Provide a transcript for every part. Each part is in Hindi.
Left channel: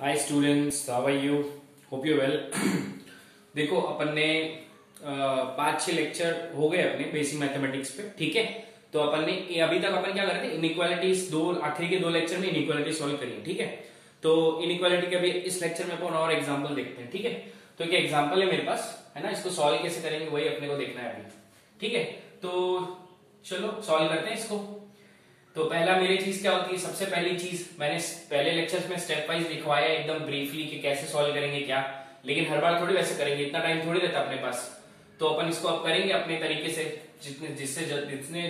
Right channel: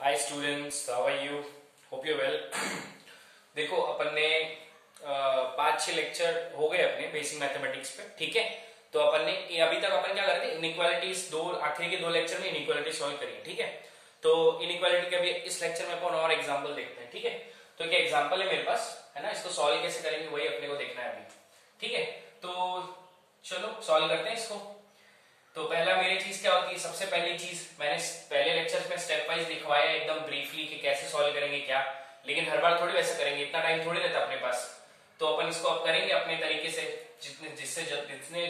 Hi students, how are you? Hope you well. देखो अपन ने 5-6 लेक्चर हो गए अपने बेसिक मैथमेटिक्स पे, ठीक है। तो अपन ने अभी तक अपन क्या कर रहे थे, इनइक्वालिटीज आखिरी के 2 लेक्चर में इनइक्वालिटी सॉल्व करी है, ठीक है। तो इनइक्वालिटी के भी इस लेक्चर में अपन और एग्जाम्पल देखते हैं, ठीक है। तो एक एग्जाम्पल है मेरे पास, है ना, इसको सॉल्व कैसे करेंगे वही अपने को देखना है अभी, ठीक है। तो चलो सॉल्व करते हैं इसको। तो पहला मेरी चीज क्या होती है, सबसे पहली चीज मैंने पहले लेक्चर्स में स्टेप वाइज लिखवाया एकदम ब्रीफली कि कैसे सॉल्व करेंगे क्या, लेकिन हर बार थोड़ी वैसे करेंगे, इतना टाइम थोड़ी रहता अपने पास। तो अपन इसको अब करेंगे अपने तरीके से, जितने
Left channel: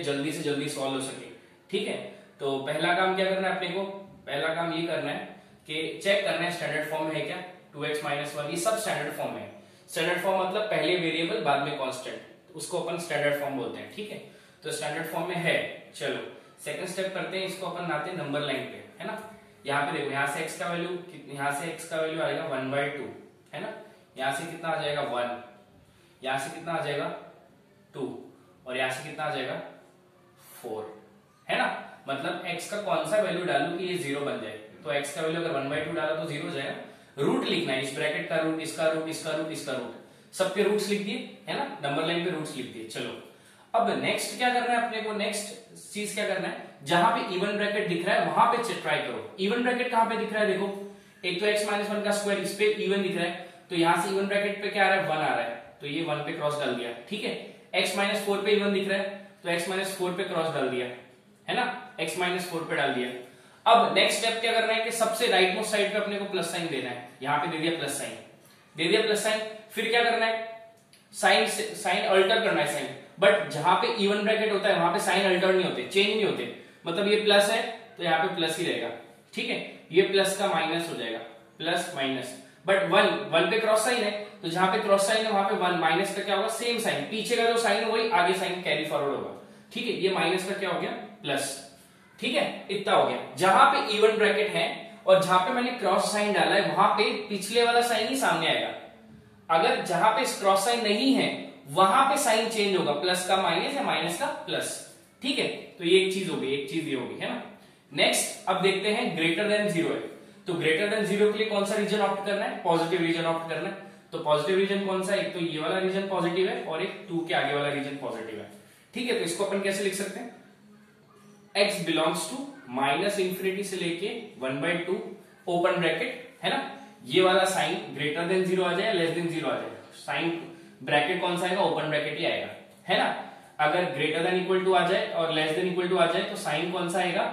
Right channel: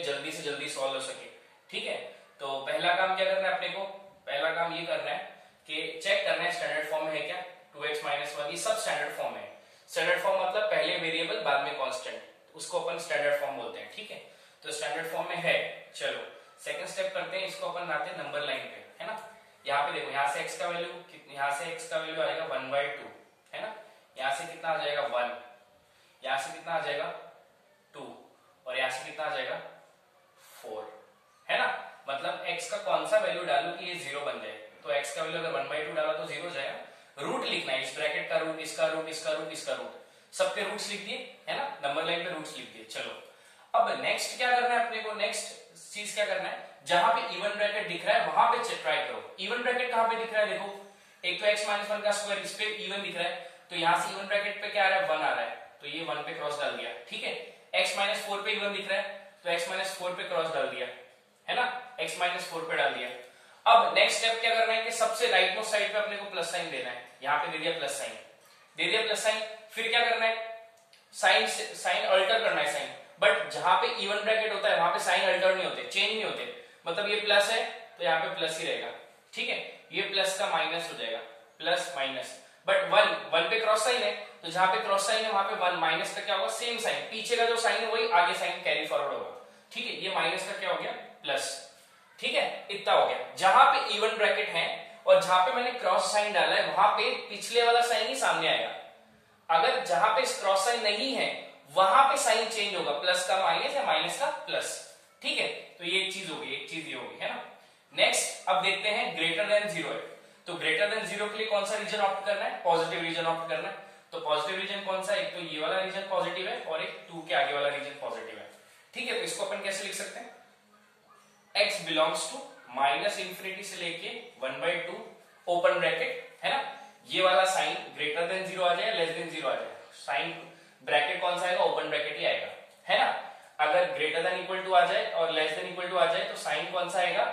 जल्दी से जल्दी सॉल्व हो सके, ठीक है। तो पहला काम क्या करना है अपने को, पहला काम ये करना है कि चेक करना है स्टैंडर्ड फॉर्म में है क्या। 2x - 1 ये सब स्टैंडर्ड फॉर्म है। स्टैंडर्ड फॉर्म मतलब पहले वेरिएबल बाद में कांस्टेंट, उसको अपन स्टैंडर्ड फॉर्म बोलते हैं, ठीक है। तो स्टैंडर्ड फॉर्म में है। चलो सेकंड स्टेप करते हैं, इसको अपन लाते हैं नंबर लाइन पे, है ना। यहाँ पे देखो, यहाँ से x का वैल्यू, यहाँ से x का वैल्यू आएगा 1/2, है ना। यहाँ से कितना आ जाएगा 1, यहाँ से कितना आ जाएगा 2, और यहाँ से कितना आ जाएगा 4, है ना। मतलब x का कौन सा वैल्यू डालू कि ये 0 बन जाए। तो x का वैल्यू अगर 1/2 डाला तो 0 हो जाएगा। रूट लिखना है, इस ब्रैकेट का रूट, इसका रूट, इसका रूट, इसका रूट, सबके रूट्स लिख दिए, है ना। नंबर लाइन पे रूट्स लिख दिए। चलो अब नेक्स्ट क्या करना है अपने को, नेक्स्ट चीज क्या करना है, जहां पे इवन ब्रैकेट दिख रहा है वहां पे ट्राई करो। इवन ब्रैकेट कहां पे दिख रहा है, देखो एक तो x - 1 का स्क्वायर, इस पे इवन दिख रहा है, तो यहां से इवन ब्रैकेट पे क्या आ रहा है, 1 आ रहा है, तो ये 1 पे क्रॉस डाल दिया, ठीक है। x - 4 पे इवन दिख रहा है, तो x - 4 पे क्रॉस डाल दिया, है ना, x - 4 पे डाल दिया। अब नेक्स्ट स्टेप क्या करना है कि सबसे राइट मोस्ट साइड पे अपने को प्लस साइन देना है। यहां पे दे दिया प्लस साइन, दे दिया प्लस साइन। फिर क्या करना है, साइन अल्टर करना है साइन, बट जहां पे इवन ब्रैकेट होता है वहां पे साइन अल्टर नहीं होते, चेंज नहीं होते। मतलब ये प्लस है तो यहाँ पे प्लस ही रहेगा, ठीक है। ये प्लस का माइनस हो जाएगा, प्लस माइनस, बट 1 पे क्रॉस साइन है, तो जहां पे क्रॉस साइन है वहां पे 1, माइनस का क्या होगा, सेम साइन, पीछे का जो साइन है वही आगे साइन कैरी फॉरवर्ड होगा, ठीक है। ये माइनस का क्या हो गया, प्लस, ठीक है। इतना हो गया। जहां पे इवन ब्रैकेट है और जहां पे मैंने क्रॉस साइन डाला है वहां पे पिछले वाला साइन ही सामने आएगा। अगर जहां पे क्रॉस साइन नहीं है वहां पे साइन चेंज होगा, प्लस का माइनस या माइनस का प्लस, ठीक है। तो ये एक चीज होगी, एक चीज ये होगी, है ना। नेक्स्ट अब देखते हैं ग्रेटर देन 0 है, तो ग्रेटर देन 0 के लिए कौन सा रीजन ऑप्ट करना है, पॉजिटिव रीजन ऑप्ट करना है। तो पॉजिटिव रीजन कौन सा है, एक तो ये वाला रीजन पॉजिटिव है और एक 2 के आगे वाला रीजन पॉजिटिव है, ठीक है। तो इसको अपन कैसे लिख सकते हैं, x बिलोंग्स टू -∞ से लेके 1/2 ओपन ब्रैकेट, है ना। ये वाला साइन ग्रेटर देन 0 आ जाए, लेस देन 0 आ जाए, साइन ब्रैकेट कौन सा आएगा, ओपन ब्रैकेट ही आएगा, है ना। अगर ग्रेटर देन इक्वल टू आ जाए और लेस देन इक्वल टू आ जाए तो साइन कौन सा आएगा,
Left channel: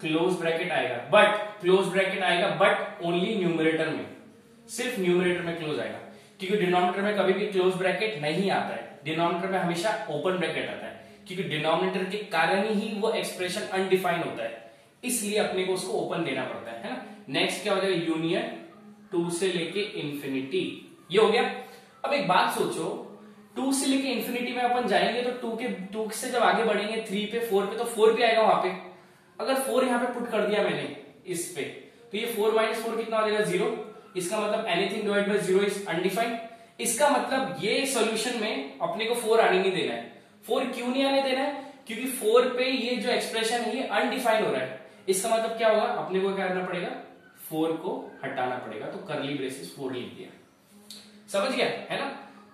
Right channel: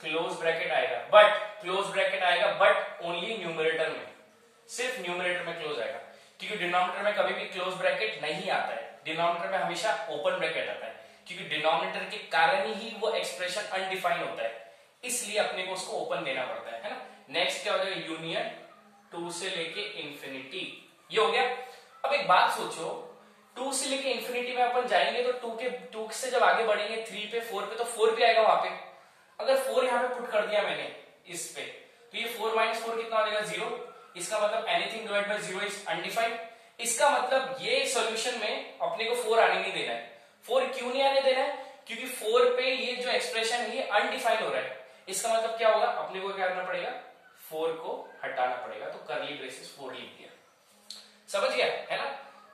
क्लोज ब्रैकेट आएगा, बट क्लोज ब्रैकेट आएगा बट ओनली न्यूमरेटर में, सिर्फ न्यूमरेटर में क्लोज आएगा, क्योंकि डिनोमिनेटर में कभी भी क्लोज ब्रैकेट नहीं आता है। डिनोमिनेटर में हमेशा ओपन ब्रैकेट आता है, क्योंकि डिनोमिनेटर के कारण ही वो एक्सप्रेशन अनडिफाइंड होता है, इसलिए अपने को उसको ओपन देना पड़ता है ना। नेक्स्ट क्या हो जाएगा, यूनियन 2 से लेके इंफिनिटी, ये हो गया। अब एक बात सोचो, 2 से लेके इंफिनिटी में अपन जाएंगे तो 2 से जब आगे बढ़ेंगे 3 पे 4 पे, तो 4 भी आएगा वहां पे। अगर 4 यहाँ पे पुट कर दिया मैंने इस पे, तो ये 4 - 4 कितना हो जाएगा, 0। इसका मतलब anything divide by 0 is undefined. इसका मतलब ये सॉल्यूशन में अपने को 4 आने नहीं देना है। 4 क्यों नहीं आने देना है, क्योंकि 4 पे ये जो एक्सप्रेशन है ये अनडिफाइंड हो रहा है। इसका मतलब क्या होगा, अपने को क्या करना पड़ेगा, 4 को हटाना पड़ेगा, तो करली ब्रेसेस 4 लिख दिया। समझ गया, है ना।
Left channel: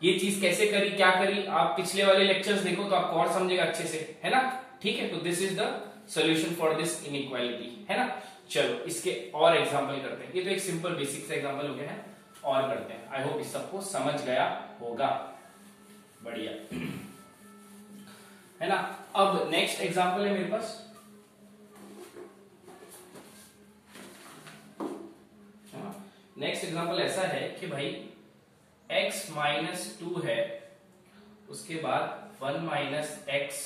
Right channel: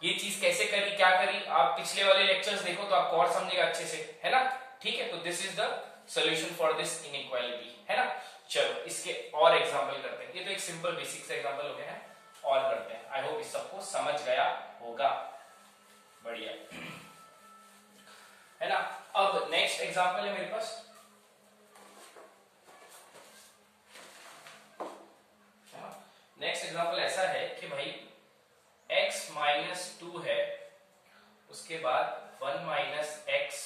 ये चीज कैसे करी, क्या करी, आप पिछले वाले लेक्चर्स देखो तो आपको और समझेगा अच्छे से, है ना, ठीक है। तो this is the solution for this inequality, है ना। चलो इसके और एग्जांपल करते हैं। ये तो एक सिंपल बेसिक सा एग्जांपल हो गया है, और करते हैं। आई होप इस सबको समझ गया होगा, बढ़िया, है ना। अब नेक्स्ट एग्जांपल है मेरे पास, है ना। नेक्स्ट एग्जांपल ऐसा है कि भाई x - 2 है, उसके बाद 1 - x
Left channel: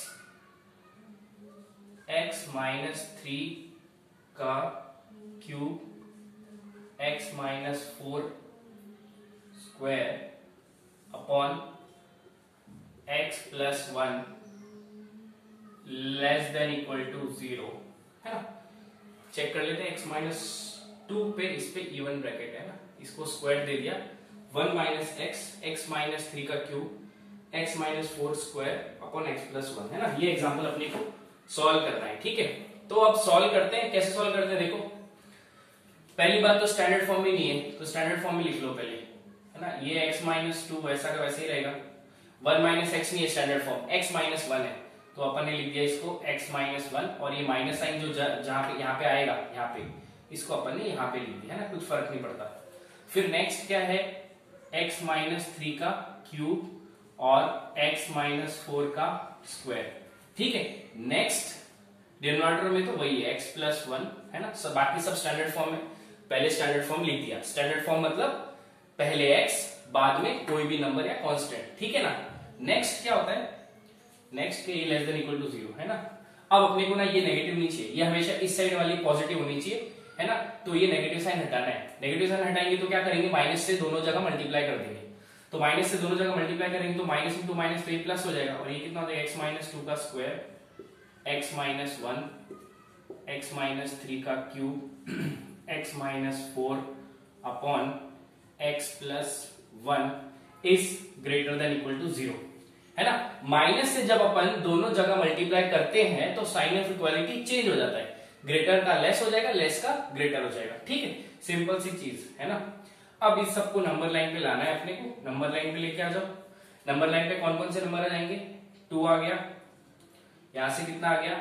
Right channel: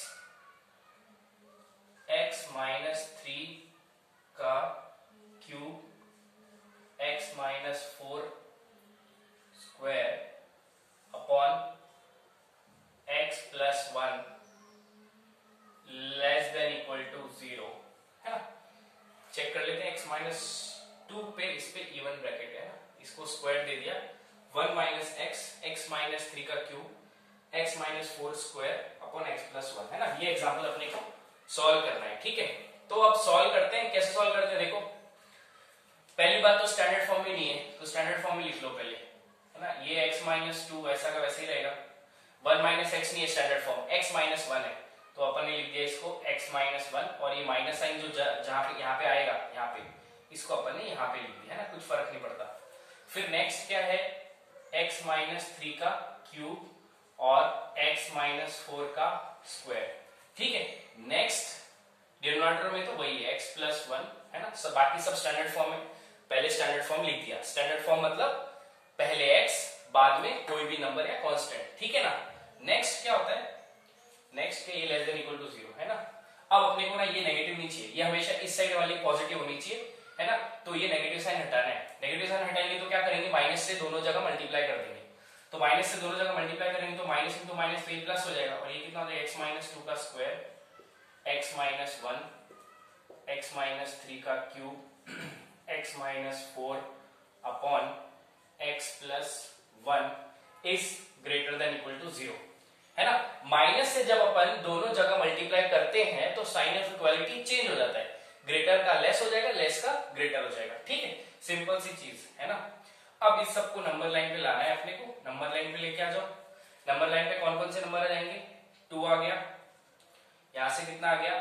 - 3 का cube, x - 4 square upon x + 1 less than equal to 0, है ना। चेक कर लेते हैं, x - 2 पे इस पे इवन ब्रैकेट है ना, इसको स्क्वायर दे दिया, 1 - x - 3 का cube, x - 4 square upon x + 1, है ना। ये एग्जांपल अपने को सॉल्व करना है, ठीक है। तो अब सॉल्व करते हैं, कैसे सॉल्व करते हैं, देखो पहली बात तो स्टैंडर्ड फॉर्म में नहीं है, तो स्टैंडर्ड फॉर्म में लिख लो पहले, है ना। ये x माइनस टू वैसा का वैसे ही रहेगा, 1 माइनस एक्स नहीं है standard form, x minus one है, तो अपन ने लिख दिया इसको x माइनस वन, और ये माइनस साइन जो जहां पे यहाँ पे आएगा, यहाँ पे इसको अपन ने यहाँ पे लिख दिया, है ना, कुछ फर्क नहीं पड़ता। फिर नेक्स्ट क्या है, x माइनस थ्री का क्यूब और x माइनस फोर का स्क्वायर, ठीक है। नेक्स्ट डिनोमिनेटर में तो वही है x प्लस वन, है ना, सब बाकी सब स्टैंडर्ड फॉर्म में, पहले स्टैंडर्ड फॉर्म लिख दिया। स्टैंडर्ड फॉर्म मतलब पहले x बाद में कोई भी नंबर या कांस्टेंट, ठीक है ना। नेक्स्ट क्या होता है, नेक्स्ट के ये less than equal to zero, है ना। अब अपने को ना ये नेगेटिव नहीं चाहिए, ये हमेशा इस साइड वाली पॉजिटिव होनी चाहिए, है ना। तो ये नेगेटिव साइन हटाना है, नेगेटिव साइन हटाएंगे तो क्या करेंगे, माइनस से दोनों जगह मल्टीप्लाई कर देंगे, तो माइनस से दोनों जगह मल्टीप्लाई करेंगे तो माइनस इंटू माइनस तो ये प्लस हो जाएगा, और ये कितना होता है, x माइनस टू का square, x minus one, x minus three का cube, x minus four upon x plus one is greater than equal to zero, है ना। माइनस से जब अपन दोनों जगह मल्टीप्लाई करते हैं तो साइन ऑफ इक्वालिटी चेंज हो जाता है, ग्रेटर का लेस हो जाएगा, लेस का ग्रेटर हो जाएगा, ठीक है। सिंपल सी चीज है ना। अब इस सबको नंबर लाइन पे लाना है अपने को, नंबर लाइन पे लेके आ जाओ। नंबर लाइन पे कौन कौन से नंबर आ जाएंगे, 2 आ गया, यहां से कितना आ गया,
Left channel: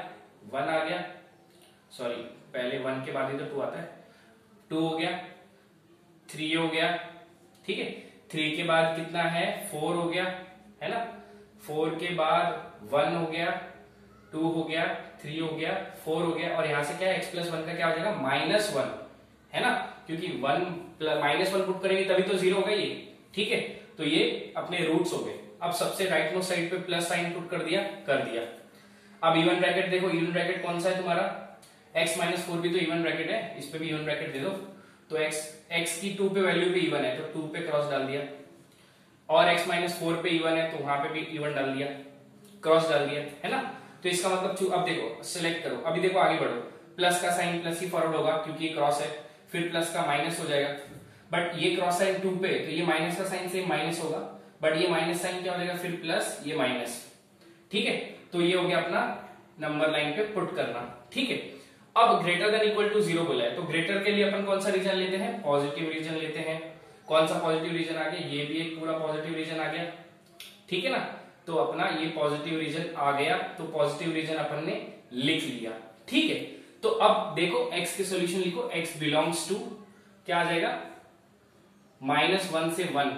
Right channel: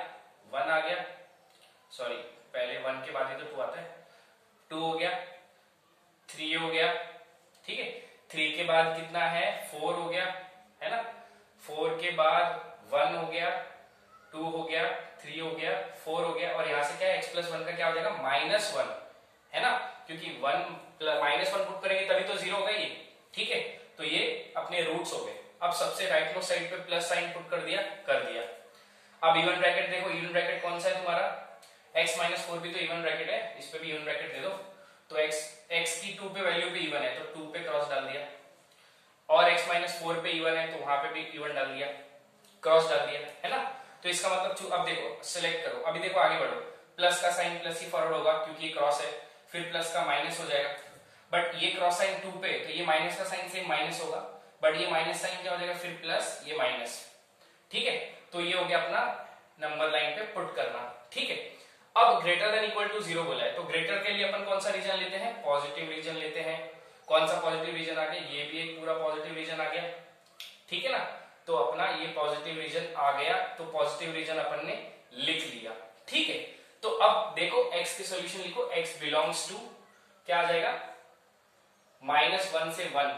1 आ गया, सॉरी पहले 1 के बाद ही तो 2 आता है, 2 हो गया, 3 हो गया, ठीक है। 3 के बाद कितना है, 4 हो गया, है ना। 4 के बाद 1 हो गया, 2 हो गया, 3 हो गया, 4 हो गया, और यहां से क्या है, x प्लस वन का क्या हो जाएगा, माइनस वन, है ना, क्योंकि माइनस वन पुट करेंगे तभी तो जीरो होगा ये, ठीक है। तो ये अपने रूट्स हो गए। अब सबसे राइट मोस्ट साइड पे प्लस साइन पुट कर दिया। अब इवन ब्रैकेट देखो, इवन ब्रैकेट कौन सा है तुम्हारा, x माइनस फोर भी तो इवन ब्रैकेट है, इस पे भी इवन ब्रैकेट दे दो, तो x की 2 पे वैल्यू पे इवन है तो 2 पे क्रॉस डाल दिया, और x माइनस फोर पे इवन है तो वहां पे भी इवन डाल दिया, क्रॉस डाल दिया, है ना। तो इसका मतलब अब देखो सिलेक्ट करो, अभी देखो आगे बढ़ो, प्लस का साइन प्लस ही फॉरवर्ड होगा क्योंकि ये क्रॉस है, फिर प्लस का माइनस हो जाएगा, बट ये क्रॉस साइन 2 पे तो ये माइनस का साइन सेम माइनस होगा, बट ये माइनस साइन क्या हो जाएगा, फिर प्लस, ये माइनस, ठीक है। तो ये हो गया अपना नंबर लाइन पे पुट करना, ठीक है। अब greater than equal to zero बोला है, तो ग्रेटर के लिए अपन कौन सा रीजन लेते हैं, पॉजिटिव रीजन लेते हैं। कौन सा पॉजिटिव रीजन आ गया, ये भी एक पूरा पॉजिटिव रीजन आ गया, ठीक है ना। तो अपना ये पॉजिटिव रीजन आ गया, तो पॉजिटिव रीजन अपन ने लिख लिया, ठीक है। तो अब देखो x के सॉल्यूशन लिखो, x बिलोंग्स टू क्या आ जाएगा, -1 से 1।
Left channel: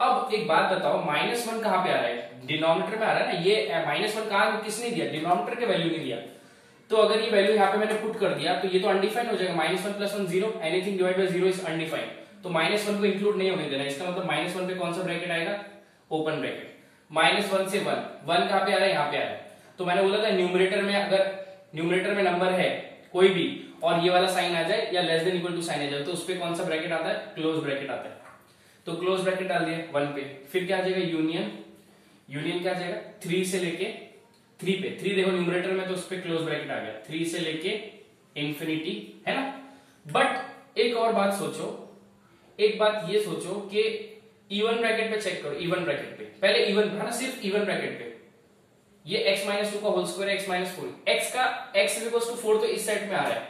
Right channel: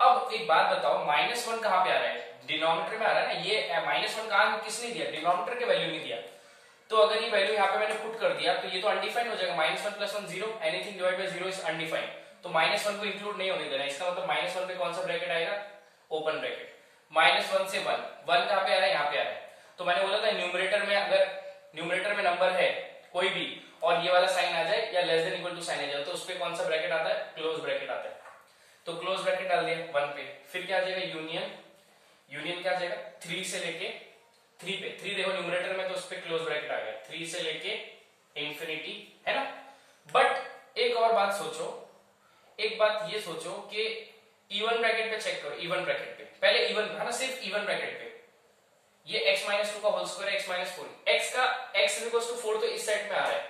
अब एक बात बताओ, -1 कहां पे आ रहा है, डिनोमिनेटर में आ रहा है ना, ये -1 कहां किसने दिया, डिनोमिनेटर के वैल्यू नहीं दिया, तो अगर ये वैल्यू यहाँ पे मैंने पुट कर दिया तो ये तो अनडिफाइंड हो जाएगा, -1 + 1 0, anything divide by 0 is undefined, तो -1 को इंक्लूड नहीं होने देना, इसका मतलब -1 पे कौन सा ब्रैकेट आएगा, ओपन ब्रैकेट। -1 से 1 कहां पे आ रहा है, यहाँ पे आ रहा है, तो मैंने बोला था न्यूमरेटर में, अगर न्यूमरेटर में नंबर है कोई भी और ये वाला साइन आ जाए या less than equal to sign आ जाए तो उस पे कौन सा ब्रैकेट आता है, क्लोज ब्रैकेट आता है, तो क्लोज ब्रैकेट डाल दिया 1 पे, फिर क्या आ जाएगा, यूनियन क्या आ जाएगा, 3 से लेके 3 पे, 3 देखो न्यूमरेटर में तो उस पे क्लोज ब्रैकेट आ गया, 3 से लेके इंफिनिटी, है ना। बट एक और बात सोचो, एक बात ये सोचो कि इवन ब्रैकेट पे चेक करो, इवन ब्रैकेट पे पहले इवन, है ना, सिर्फ इवन ब्रैकेट पे ये x माइनस टू का होल स्क्वायर है, x माइनस फोर, x का x इक्वल्स टू 4 तो इस सेट में आ रहा है,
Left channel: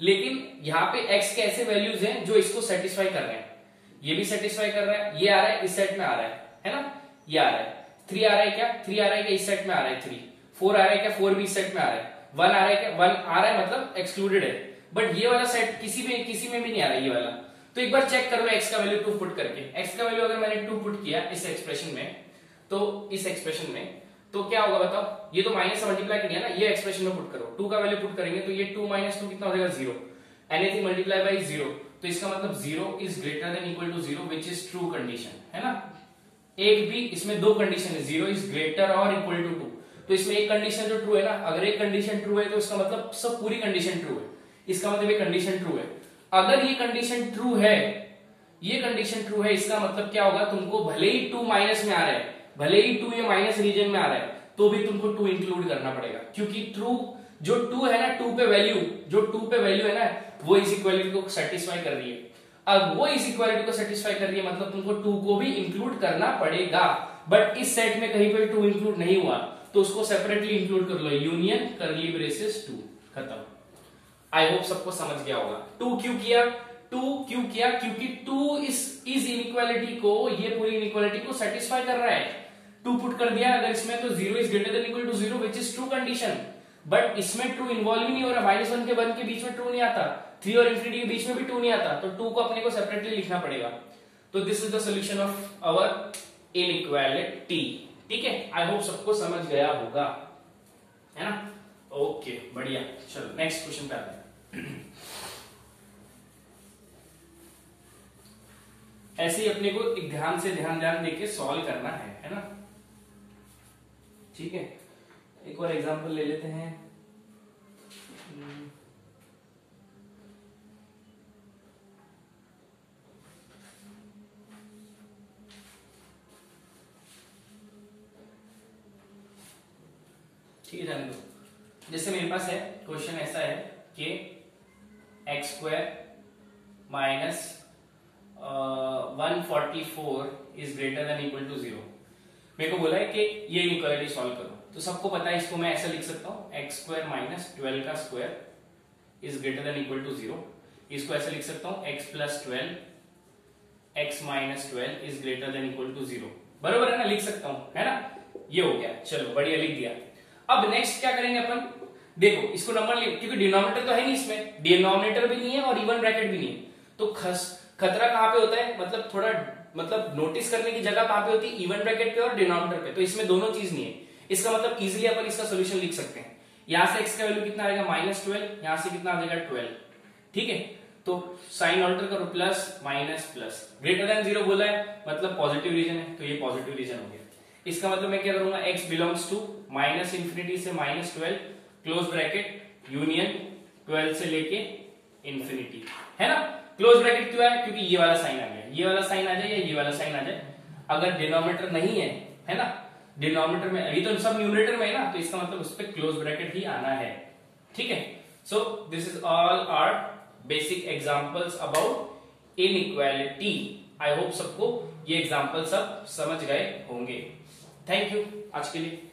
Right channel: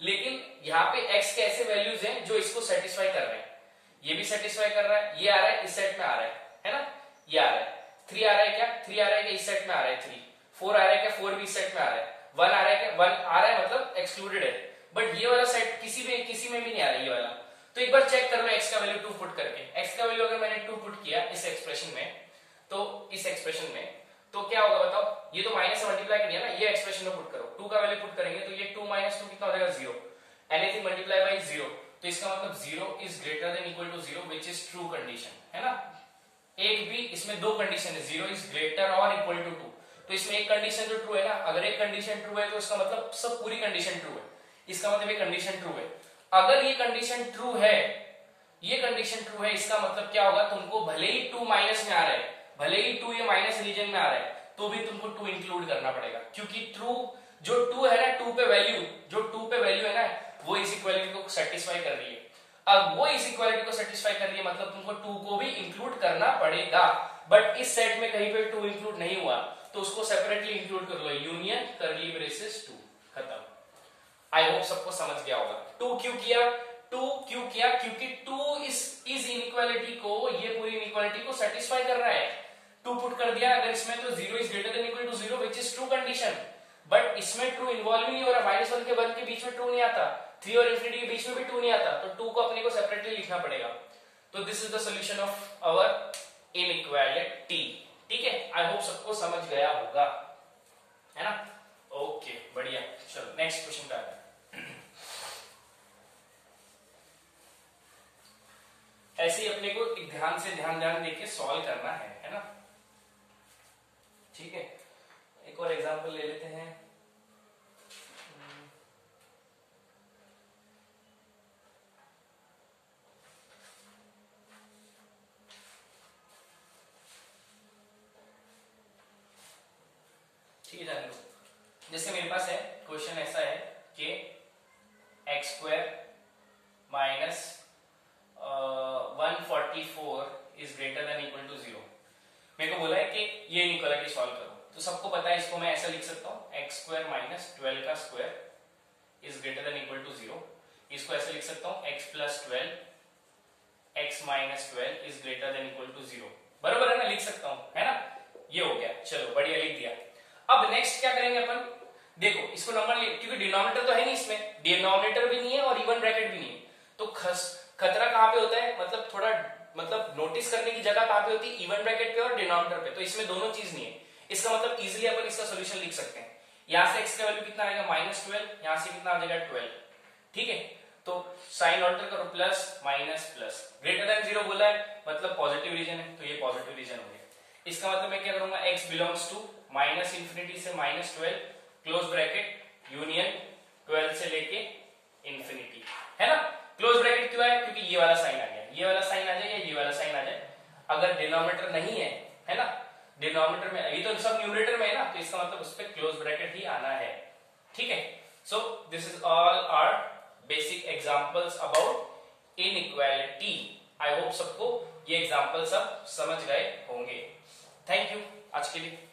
लेकिन यहाँ पे x के ऐसे वैल्यूज हैं जो इसको सेटिस्फाई कर रहे हैं, ये भी सेटिस्फाई कर रहा है, ये आ रहा है इस सेट में आ रहा है ना, ये आ रहा है, 3 आ रहा है क्या, 3 आ रहा है क्या, इस सेट में आ रहा है 3, 4 आ रहा है क्या, 4 भी इस सेट में आ रहा है, 1 आ रहा है क्या, 1 आ रहा है मतलब एक्सक्लूडेड है, बट ये वाला सेट किसी में भी नहीं आ रहा है ये वाला, तो एक बार चेक कर लो x का वैल्यू 2 पुट करके, x का वैल्यू अगर मैंने 2 पुट किया इस एक्सप्रेशन में, तो इस एक्सप्रेशन में तो क्या होगा बताओ, ये तो माइनस से मल्टीप्लाई किया ना, ये एक्सप्रेशन में पुट करो, 2 का वैल्यू पुट करेंगे तो ये 2 - 2 कितना हो जाएगा, 0, एनीथिंग मल्टीप्लाई बाय 0, तो इसका मतलब 0 is greater than equal to 0 which is true condition, है ना। एक भी इसमें 2 कंडीशन है, 0 इज ग्रेटर और इक्वल टू 2, तो इसमें एक कंडीशन जो ट्रू है ना, अगर एक कंडीशन ट्रू है तो इसका मतलब सब पूरी कंडीशन ट्रू है, इसका मतलब ये कंडीशन ट्रू है, अगर ये कंडीशन ट्रू है, ये कंडीशन ट्रू है, इसका मतलब क्या होगा, तुमको भले ही 2 माइनस में आ रहा है, भले ही 2 ये माइनस रीजन में आ रहा है, तो भी तुमको 2 इंक्लूड करना पड़ेगा, क्योंकि ट्रू जो 2 है ना, 2 पे वैल्यू है ना, वो इस इक्वालिटी को सेटिस्फाई कर रही है, अब वो इस इक्वालिटी को सेटिस्फाई कर रही है मतलब तुमको 2 को भी इंक्लूड करना पड़ेगा, बट इस सेट में कहीं पे 2 इंक्लूड नहीं हुआ तो उसको सेपरेटली इंक्लूड कर लो, यूनियन करली ब्रेसेस 2, खत्म। आई होप सबको समझ गया होगा। टू क्यों किया, क्योंकि टू इस इनइक्वालिटी को, ये पूरी इनइक्वालिटी को सेटिस्फाई कर रहा है। टू पुट कर दिया अगर इसमें, तो 0 is greater than equal to 0 which is true condition. But इसमें ट्रू इन्वॉल्व ही नहीं हो रहा, -1 के 1 के बीच में ट्रू नहीं आता, 3 और इंफिनिटी के बीच में भी ट्रू नहीं आता, तो टू को अपने को सेपरेटली लिखना पड़ेगा। तो this is the solution of our inequality. ठीक है, आई होप सबको समझ गया होगा, है ना? ओके, बढ़िया। चलो नेक्स्ट क्वेश्चन पे आते हैं। ऐसे ही अपने को एक ध्यान देके सॉल्व करना है ना? ठीक है, एक और एग्जांपल ले लेते हैं। ठीक है, जाने दो। जैसे मेरे पास है क्वेश्चन ऐसा है कि x² minus 144 is greater than equal to 0। मेरे को बोला है कि ये इनइक्वालिटी सॉल्व करो, तो सबको पता है इसको मैं ऐसा लिख सकता हूं, x² माइनस 12 का square is greater than equal to 0। इसको ऐसा लिख सकता हूं, x plus 12 x minus 12 is greater than equal to 0। बरोबर है ना? लिख सकता हूं, है ना? ये हो गया, चलो बढ़िया, लिख दिया। अब नेक्स्ट क्या करेंगे अपन, देखो इसको नंबर ले, क्योंकि डिनोमिनेटर तो है नहीं इसमें, डिनोमिनेटर भी नहीं है और इवन ब्रैकेट भी नहीं है, तो खतरा कहां पे होता है, मतलब थोड़ा नोटिस करने की जगह कहां पे होती है, इवन ब्रैकेट पे और डिनोमिनेटर पे। तो इसमें दोनों चीज नहीं है, इसका मतलब इजिली अपन इसका सोल्यूशन लिख सकते हैं। यहां से x का वैल्यू कितना आएगा, -12, यहां से कितना आ जाएगा 12। ठीक है, तो साइन ऑल्टर करो, plus minus plus, greater than 0 बोला है, मतलब पॉजिटिव रीजन है, तो ये पॉजिटिव रीजन हो गया। इसका मतलब मैं क्या करूंगा, x belongs to minus infinity से -12 क्लोज ब्रैकेट यूनियन 12 से लेके इंफिनिटी, है ना? क्लोज ब्रैकेट क्यों है, क्योंकि ये वाला साइन आ गया, ये वाला साइन आ जाए या ये वाला साइन आ जाए। अगर डिनोमिनेटर नहीं है ना, डिनोमिनेटर में, ये तो सब न्यूमरेटर में है ना, तो इसका मतलब उस पर क्लोज ब्रैकेट ही आना है। ठीक है, so this is all our basic examples about inequality. I hope सबको ये एग्जांपल सब समझ गए होंगे। थैंक यू आज के लिए।